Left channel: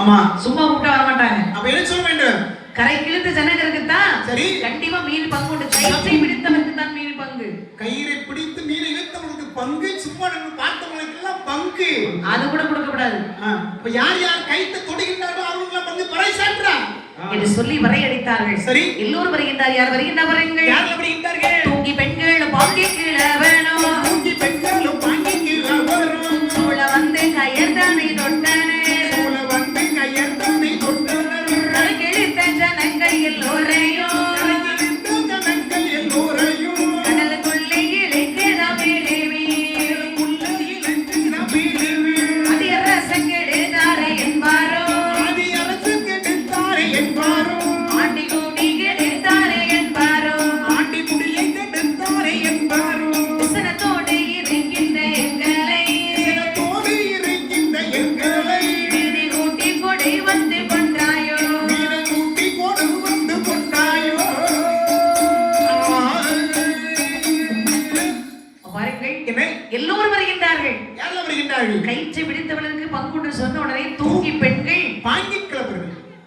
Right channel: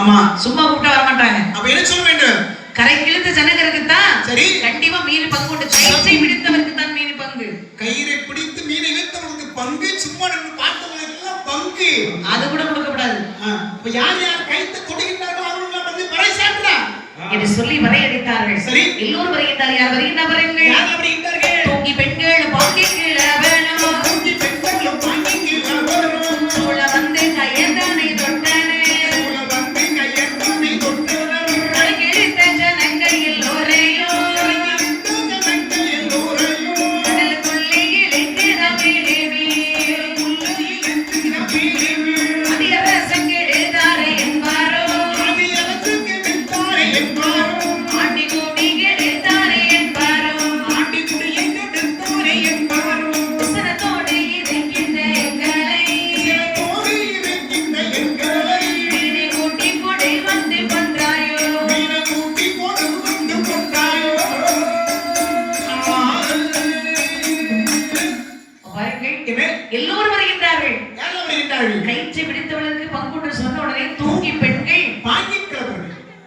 ஆமா சும்மா கூப்பிட்டா வர மாட்டாங்க. அப்ப என்ன சொல்ல வேண்டும்? கரை கிழித்த ஜனங்களுக்கு தான் சரி கண்டிப்பா மீன் பங்கு உண்டு. கயிற்றை பிடித்தவருக்கு தான் மீன் பங்கு. கயிறை பிடித்து மீன் இழுத்தவங்களுக்கு பங்கு, சும்மா பார்த்தவங்களுக்கெல்லாம் பங்கு. அது கூட கொடுக்கப்படாது. இப்ப யார் யார் கைத்து கொடுக்கின்றார்களோ அவங்களுக்கு வந்து பறைசாற்றா என்று சொல்லி வரையடித்தார்கள். சரி எல்லோரும் வருகின்றார். யார் வருகின்றார்கள்? யார் வருகின்றார்கள்? தூங்கி பெண்கள் பாங்கி கீழே வேணும். தூங்கி பெண்கள் பாங்கி கீழே வேணும். சூழ வந்து கையர் தன்னை தொட்டனே. சூழ வந்து கையர் தன்னை தொட்டனே. கரை கிழித்த ஜனங்கள் எல்லோரையும் கடல் துள்ளி இழுக்கிற பிரிவி. அதிரசம் கெடுத்தாரே என்பாரோ. ஆண்டி கூடி கெடுத்தாரே என்பாரோ. விசனத்தோடு இருக்கின்ற எங்களை வீணை கூட்டி கொடை வந்து கொண்டாயோ. பாருங்கள், எல்லோரும் வருகின்றார்கள். கயிற்றை பிடித்தவளுக்கு பங்குண்டு சொன்ன உடனே தூங்கி பெண்கள்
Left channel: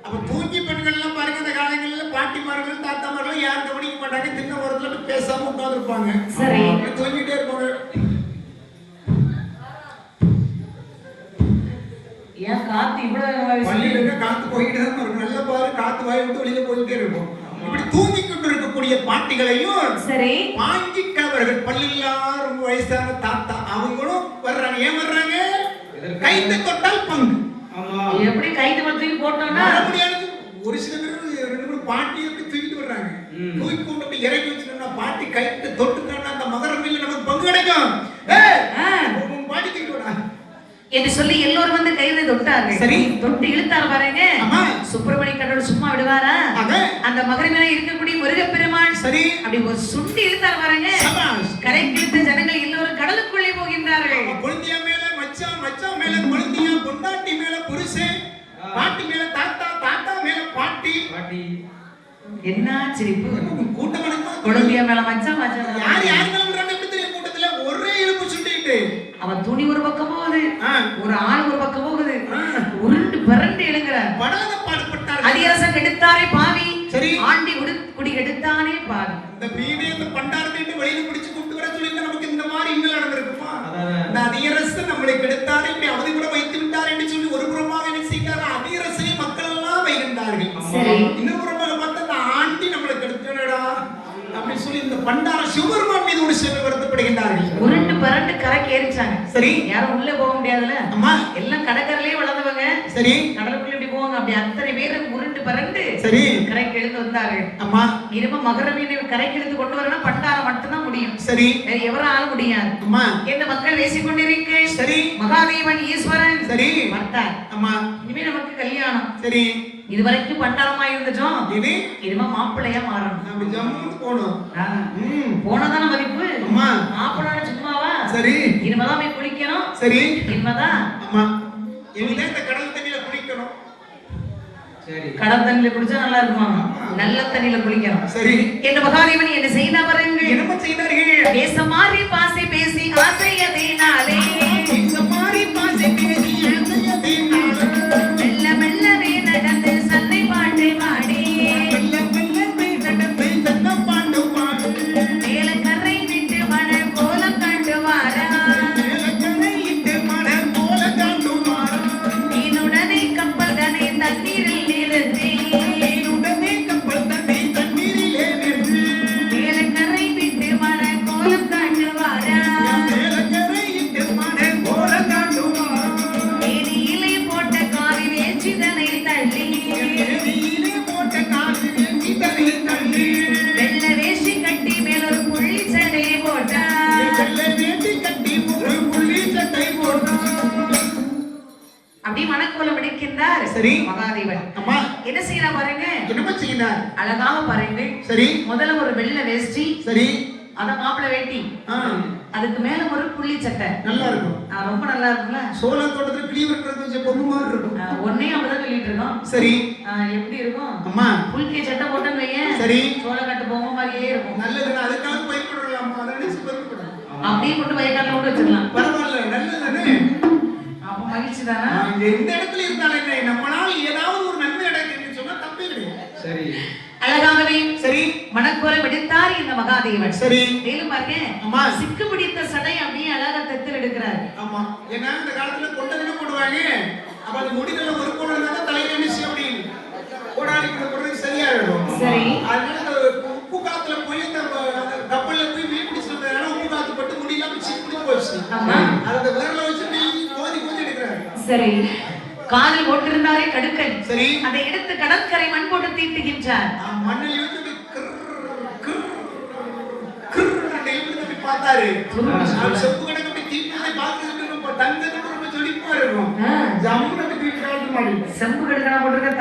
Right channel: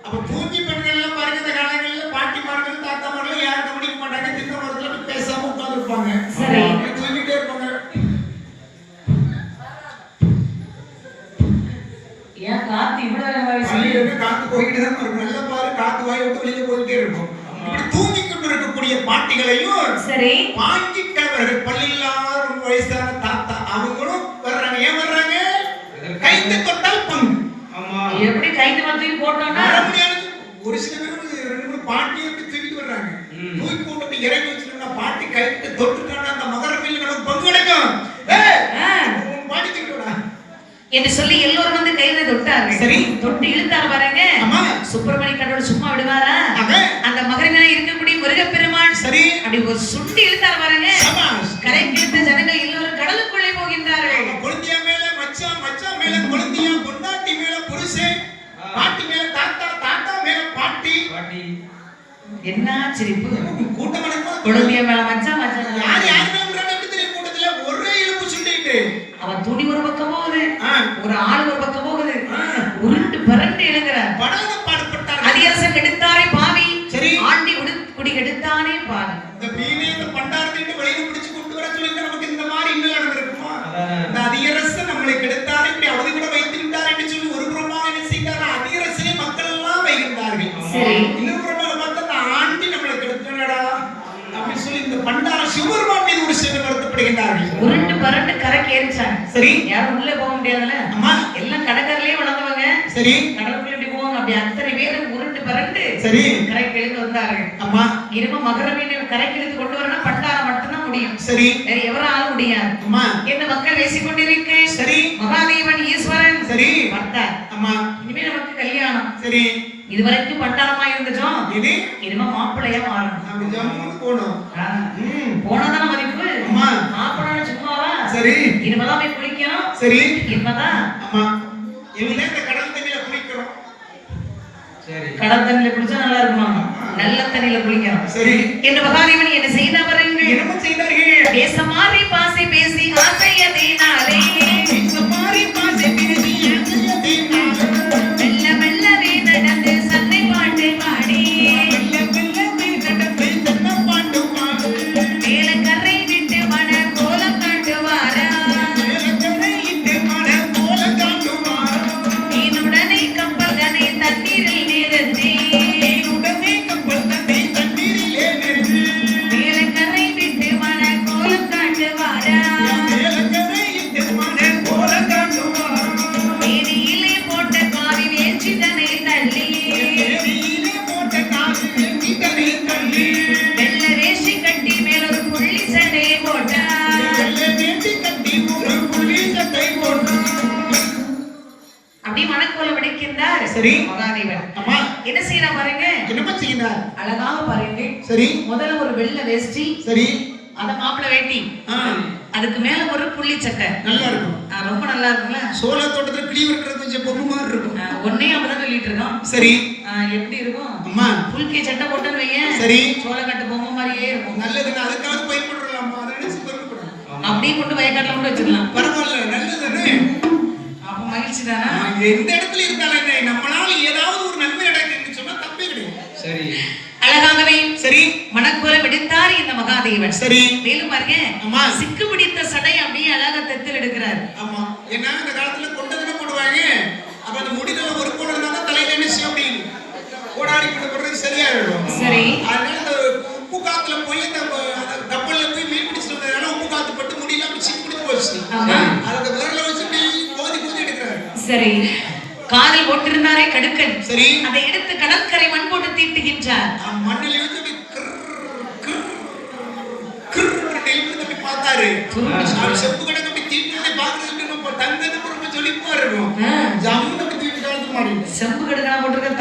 அப்ப தூங்கி பெண்கள் எல்லாம் பாருங்க, இந்த காலங்களில் பாட்டிமார்கள் தாத்தாமார்கள் யாரும் கவனிக்க மாட்டாங்க. தின்ன ஓரத்துல போய் பேசாம உட்கார்ந்து இருப்பாங்க. சரி. தூங்கிட்டே இருப்பாங்க. ஏன் காத்து இவ்வளவு பள்ளியில காத்து போய்கிட்டு தான் இருக்கும். நல்ல பாரு காத்து வாய் விட்டு வெளியே போயிட்டே இருக்கும். இப்படி தூங்கி கொண்டு இருக்கக்கூடிய பாட்டிகளையும் சரி பாட்டி கிழவர்கள் பள்ளியில்லாத ரொம்ப வயசான தாத்தா அவங்களும் வர்றாங்க. ஏன் வர்றாங்க? கைத்து தொட்டால் பங்கு. எப்படி கைது வச்சு போட்டோம்னா வர முடியாது. ஒரு சில பேர் ரெண்டு மூணு பாட்டியை தூக்கிட்டு வர்றாங்க. தூக்கி போட்டு இறங்கி வச்சுருந்தா பாட்டி கைத்து தொட்டுட்டான்னா அந்த மகரமில் நமக்கு பங்கு கிடைக்கும். பாட்டி தூக்கிட்டு என்று சொல்லி எல்லோரும் வந்து கையில தொட்டார்கள். சரி. தொட்டு இழுத்தார் பாருங்க. ஆமா. சுப்பிரமணிய கடவுள் சும்மா விடுவாரா? அந்த மகரிமையில இருக்கக்கூடிய முருகப்பெருமான் சரி அப்படி ஒரு சுண்டி இழுத்தார் பாருங்க. கரை கிழித்த ஜனங்கள் எல்லோரும் கடலுக்குள்ளே போகின்றார்கள். குழந்தையா மேல மச்சான், மச்சான் மேல குழந்தையா, பொண்டாட்டி மேல புருஷன், பாட்டி மேல தாத்தா, தாத்தா மேல பாட்டி. என்ன சிரிப்பு! கூட்டமா குழந்தைய மேல மச்சான், மச்சான் யார் யார் மேல தெரியும் கூட்டத்துல ஒரே இழுப்பு சுண்டிட்டு அவன் துணி ஒரு பக்கம் போகுது, ஒரு ஆள் ஒரு பக்கம் போகுது, உருண்டு பரண்டு இழுக்கிறார். படாத பாடுபட்டார். அதிரசம் கெடுத்தாரே பாவி. சரி. ஆண்டி குடி கெடுத்தானே பாவி. இந்த பீனி இந்த பண்டாரத்திட்டு வழியில பிடிச்சு கொண்டு வர சொல்லி நமக்கு இந்த மாதிரி இன்னும் நடந்திருக்குமா? இந்த அதிரசு நம்மளை கெடுத்தாரு, இப்படி அவதி கூட வைத்து விட்டார் என்று சொல்லி ஒரு புறமாக என்ன செய்தார்? அதிரசிலே மக்கள் எல்லாம் வைகின்றார்கள். சரி. இன்னொரு புறமாக பார்த்து அந்த ஆண்டி நம்மளை கெடுத்தனடா அப்படி சொல்லி இந்த பண்டார சிவபெருமான் மீது ஒரு செயல்படுத்தப்படுகின்றார்கள். உருண்டு பரண்டு கரை கேறிச்சாங்க. சரி. யாரும் உள்ள போக முடியாதுல்ல. ஆமா. எல்லாம் கடற்கரையிலே வளர்ந்தவங்க. சரி. கடலுக்குள்ள எப்படி போவாங்க? அப்படி அத்தனை பேரும் உருண்டு பரண்டு சரி கரை கிழித்து வந்தார்கள். ஆமா. இரும மகர மீன் கரை கிழித்து கொண்டு வரணும் பண்டாரம் மட்டும்தான் முடியும். சரி. எவராலும் முடியாது. ஆமா. என்று மக்கள் பேசிக் கொண்டிருக்க சரி. மகாதேவன் ஈஸ்வரன் சரி பட்டார். ஆமா. இனிமேல் நமக்கு கல்யாணம். சரி. இதுவரைக்கும் பட்டாரமா இருந்துச்சோம். இது இனிமே மாப்பிள்ளையா மாறணும். நம்ம ஜம்முன்னு போனோம். போனதான் மதிப்பு. ஆமா. மாப்பிள்ளை சும்மாவா? சரி. இனிமேதான் போய் குளிக்கணும். சரி. இனிமேதான். ஆமா. இனிமே இந்த கடல் தண்ணியில குளிக்கிறோம். சரி. கடல் தண்ணியில குளிச்சா நல்லா இருக்குமா? நல்ல தண்ணியில குளிக்கணும். சரி. என்று மகாதேவன் என்ன செய்த பாருங்கள். என்ன செய்தார்கள்? பேச மாறி பாசை பேசி ஆசையதினாலே சுமாரி பாசை பேசி ஆசையதினாலே மெல்ல மெல்லவே நடந்து சந்தை பாட்டு பாடி மெல்ல நடந்து சன்ன பாட்டு பாடி மேலக்கரை விட்டு மன கோலம் காட்டுவாரா. மேலக்கரை விட்டு மன கோலம் காட்டுவாரா. நீனுடனே கப்பல்தனை தண்ணீரில் நிறுத்தி உடனே கப்பல் தன்னை தண்ணீரிலே நிறுத்தி மேலக்கரை விட்டு மன கோலம் காட்டுவாரா. மேலக்கரை விட்டு மன கோலம் காட்டுவாரா. வேதியிலே போட்ட காவி வேச்சிதனை தள்ளி வேதியிலே போட்ட காவி வேச்சிதனை தள்ளி வெள்ள வேஷ்டி கட்டி மேலொரு புள்ளி சட்டை போட்டா. வெள்ளை வேட்டி கட்டி ஒரு புள்ளி சட்டை போட்டா. அப்படி மனக்கோலம் அடிக்கின்றார். சரி. மகாதேவன் ஆமா. என்ன செய்யற பாருங்க. என்னமா செய்யறார்? அழகாக பாருங்க. சரி. முதல்ல ஒரு வெள்ளை வேஷ்டி, சரி. அந்த மாப்பிள்ளை வேட்டி, அதுக்கு மேல ஒரு புள்ளி சட்டை. நல்லா இருக்கும். ரொம்ப நல்லா இருக்குங்களா? சோள தோட்டத்துல கிளி இருக்கிறது பொம்மை மாதிரி இருக்கும். ஒன்னே அப்படிதான் சொல்லிட்டு இருக்கோம். சரி. எப்படி இருக்கும்? அம்மா. புல்கி சட்டை போட்டோன்னு வையேன். சரி. சோளக்கட்டு பொம்மை மாதிரியே இருக்கும். நல்லதுன்னு அதுக்காக பயன்படுறோம். அதை நினைச்சு பெருமைப்படும். அப்படியே கொண்டு வயக்காட்டுல கொண்டு வச்சுக்கலாம். பரவாயில்ல, நல்லதுன்னு. அப்ப மகிழ்ச்சி தானே? எந்த இடத்துல இருந்தாலும் என்ன பிடித்தார் இந்த மகாதேவன். சரி. மேலும் பாருங்க, ஆமா. சிக்கு பிடித்த சடை அப்படியே அழகா தெத்தில் எடுக்கிறார். ஆமா. ஏன்னா இந்த காலத்துல கொண்டது என்ன போடுவாங்க, அப்ப அந்த முடிதல ஒரு கோடு இருந்தா தலையில என்ன செய்ய முடியும், கோடாடி போடுறது சரியா இருக்கும். சரி. அதனால இந்த உப்பு காத்துல போய் அந்த கப்பல்ல போய் மீன் பிடிச்சிட்டு வந்ததுனால உப்பு காத்து பட்டு முடியெல்லாம் சிக்கு பிடிச்சு போச்சு. ஆமா. அதோட விரல வச்சு கோதி கோதி எடுக்கிறாரு. சரி. காலில் போட்டிருந்தாரே கடுக்கன். சரி. அதை எடுத்து கடற்கரை மண் போட்டு தீட்டுகின்றார். மண்ணில் வந்து தம்பி பார்த்தாரு. செப்பு கணக்கு அப்படி தீட்டு பார்க்கறதுக்கு ரொம்ப தங்கத்துக்கு ரொம்ப ஜொலிப்பா இருக்கும். ஜம்முன்னு தீட்டு காலத்து மாதிரி செம்பு கடுக்கா போட்டிருக்க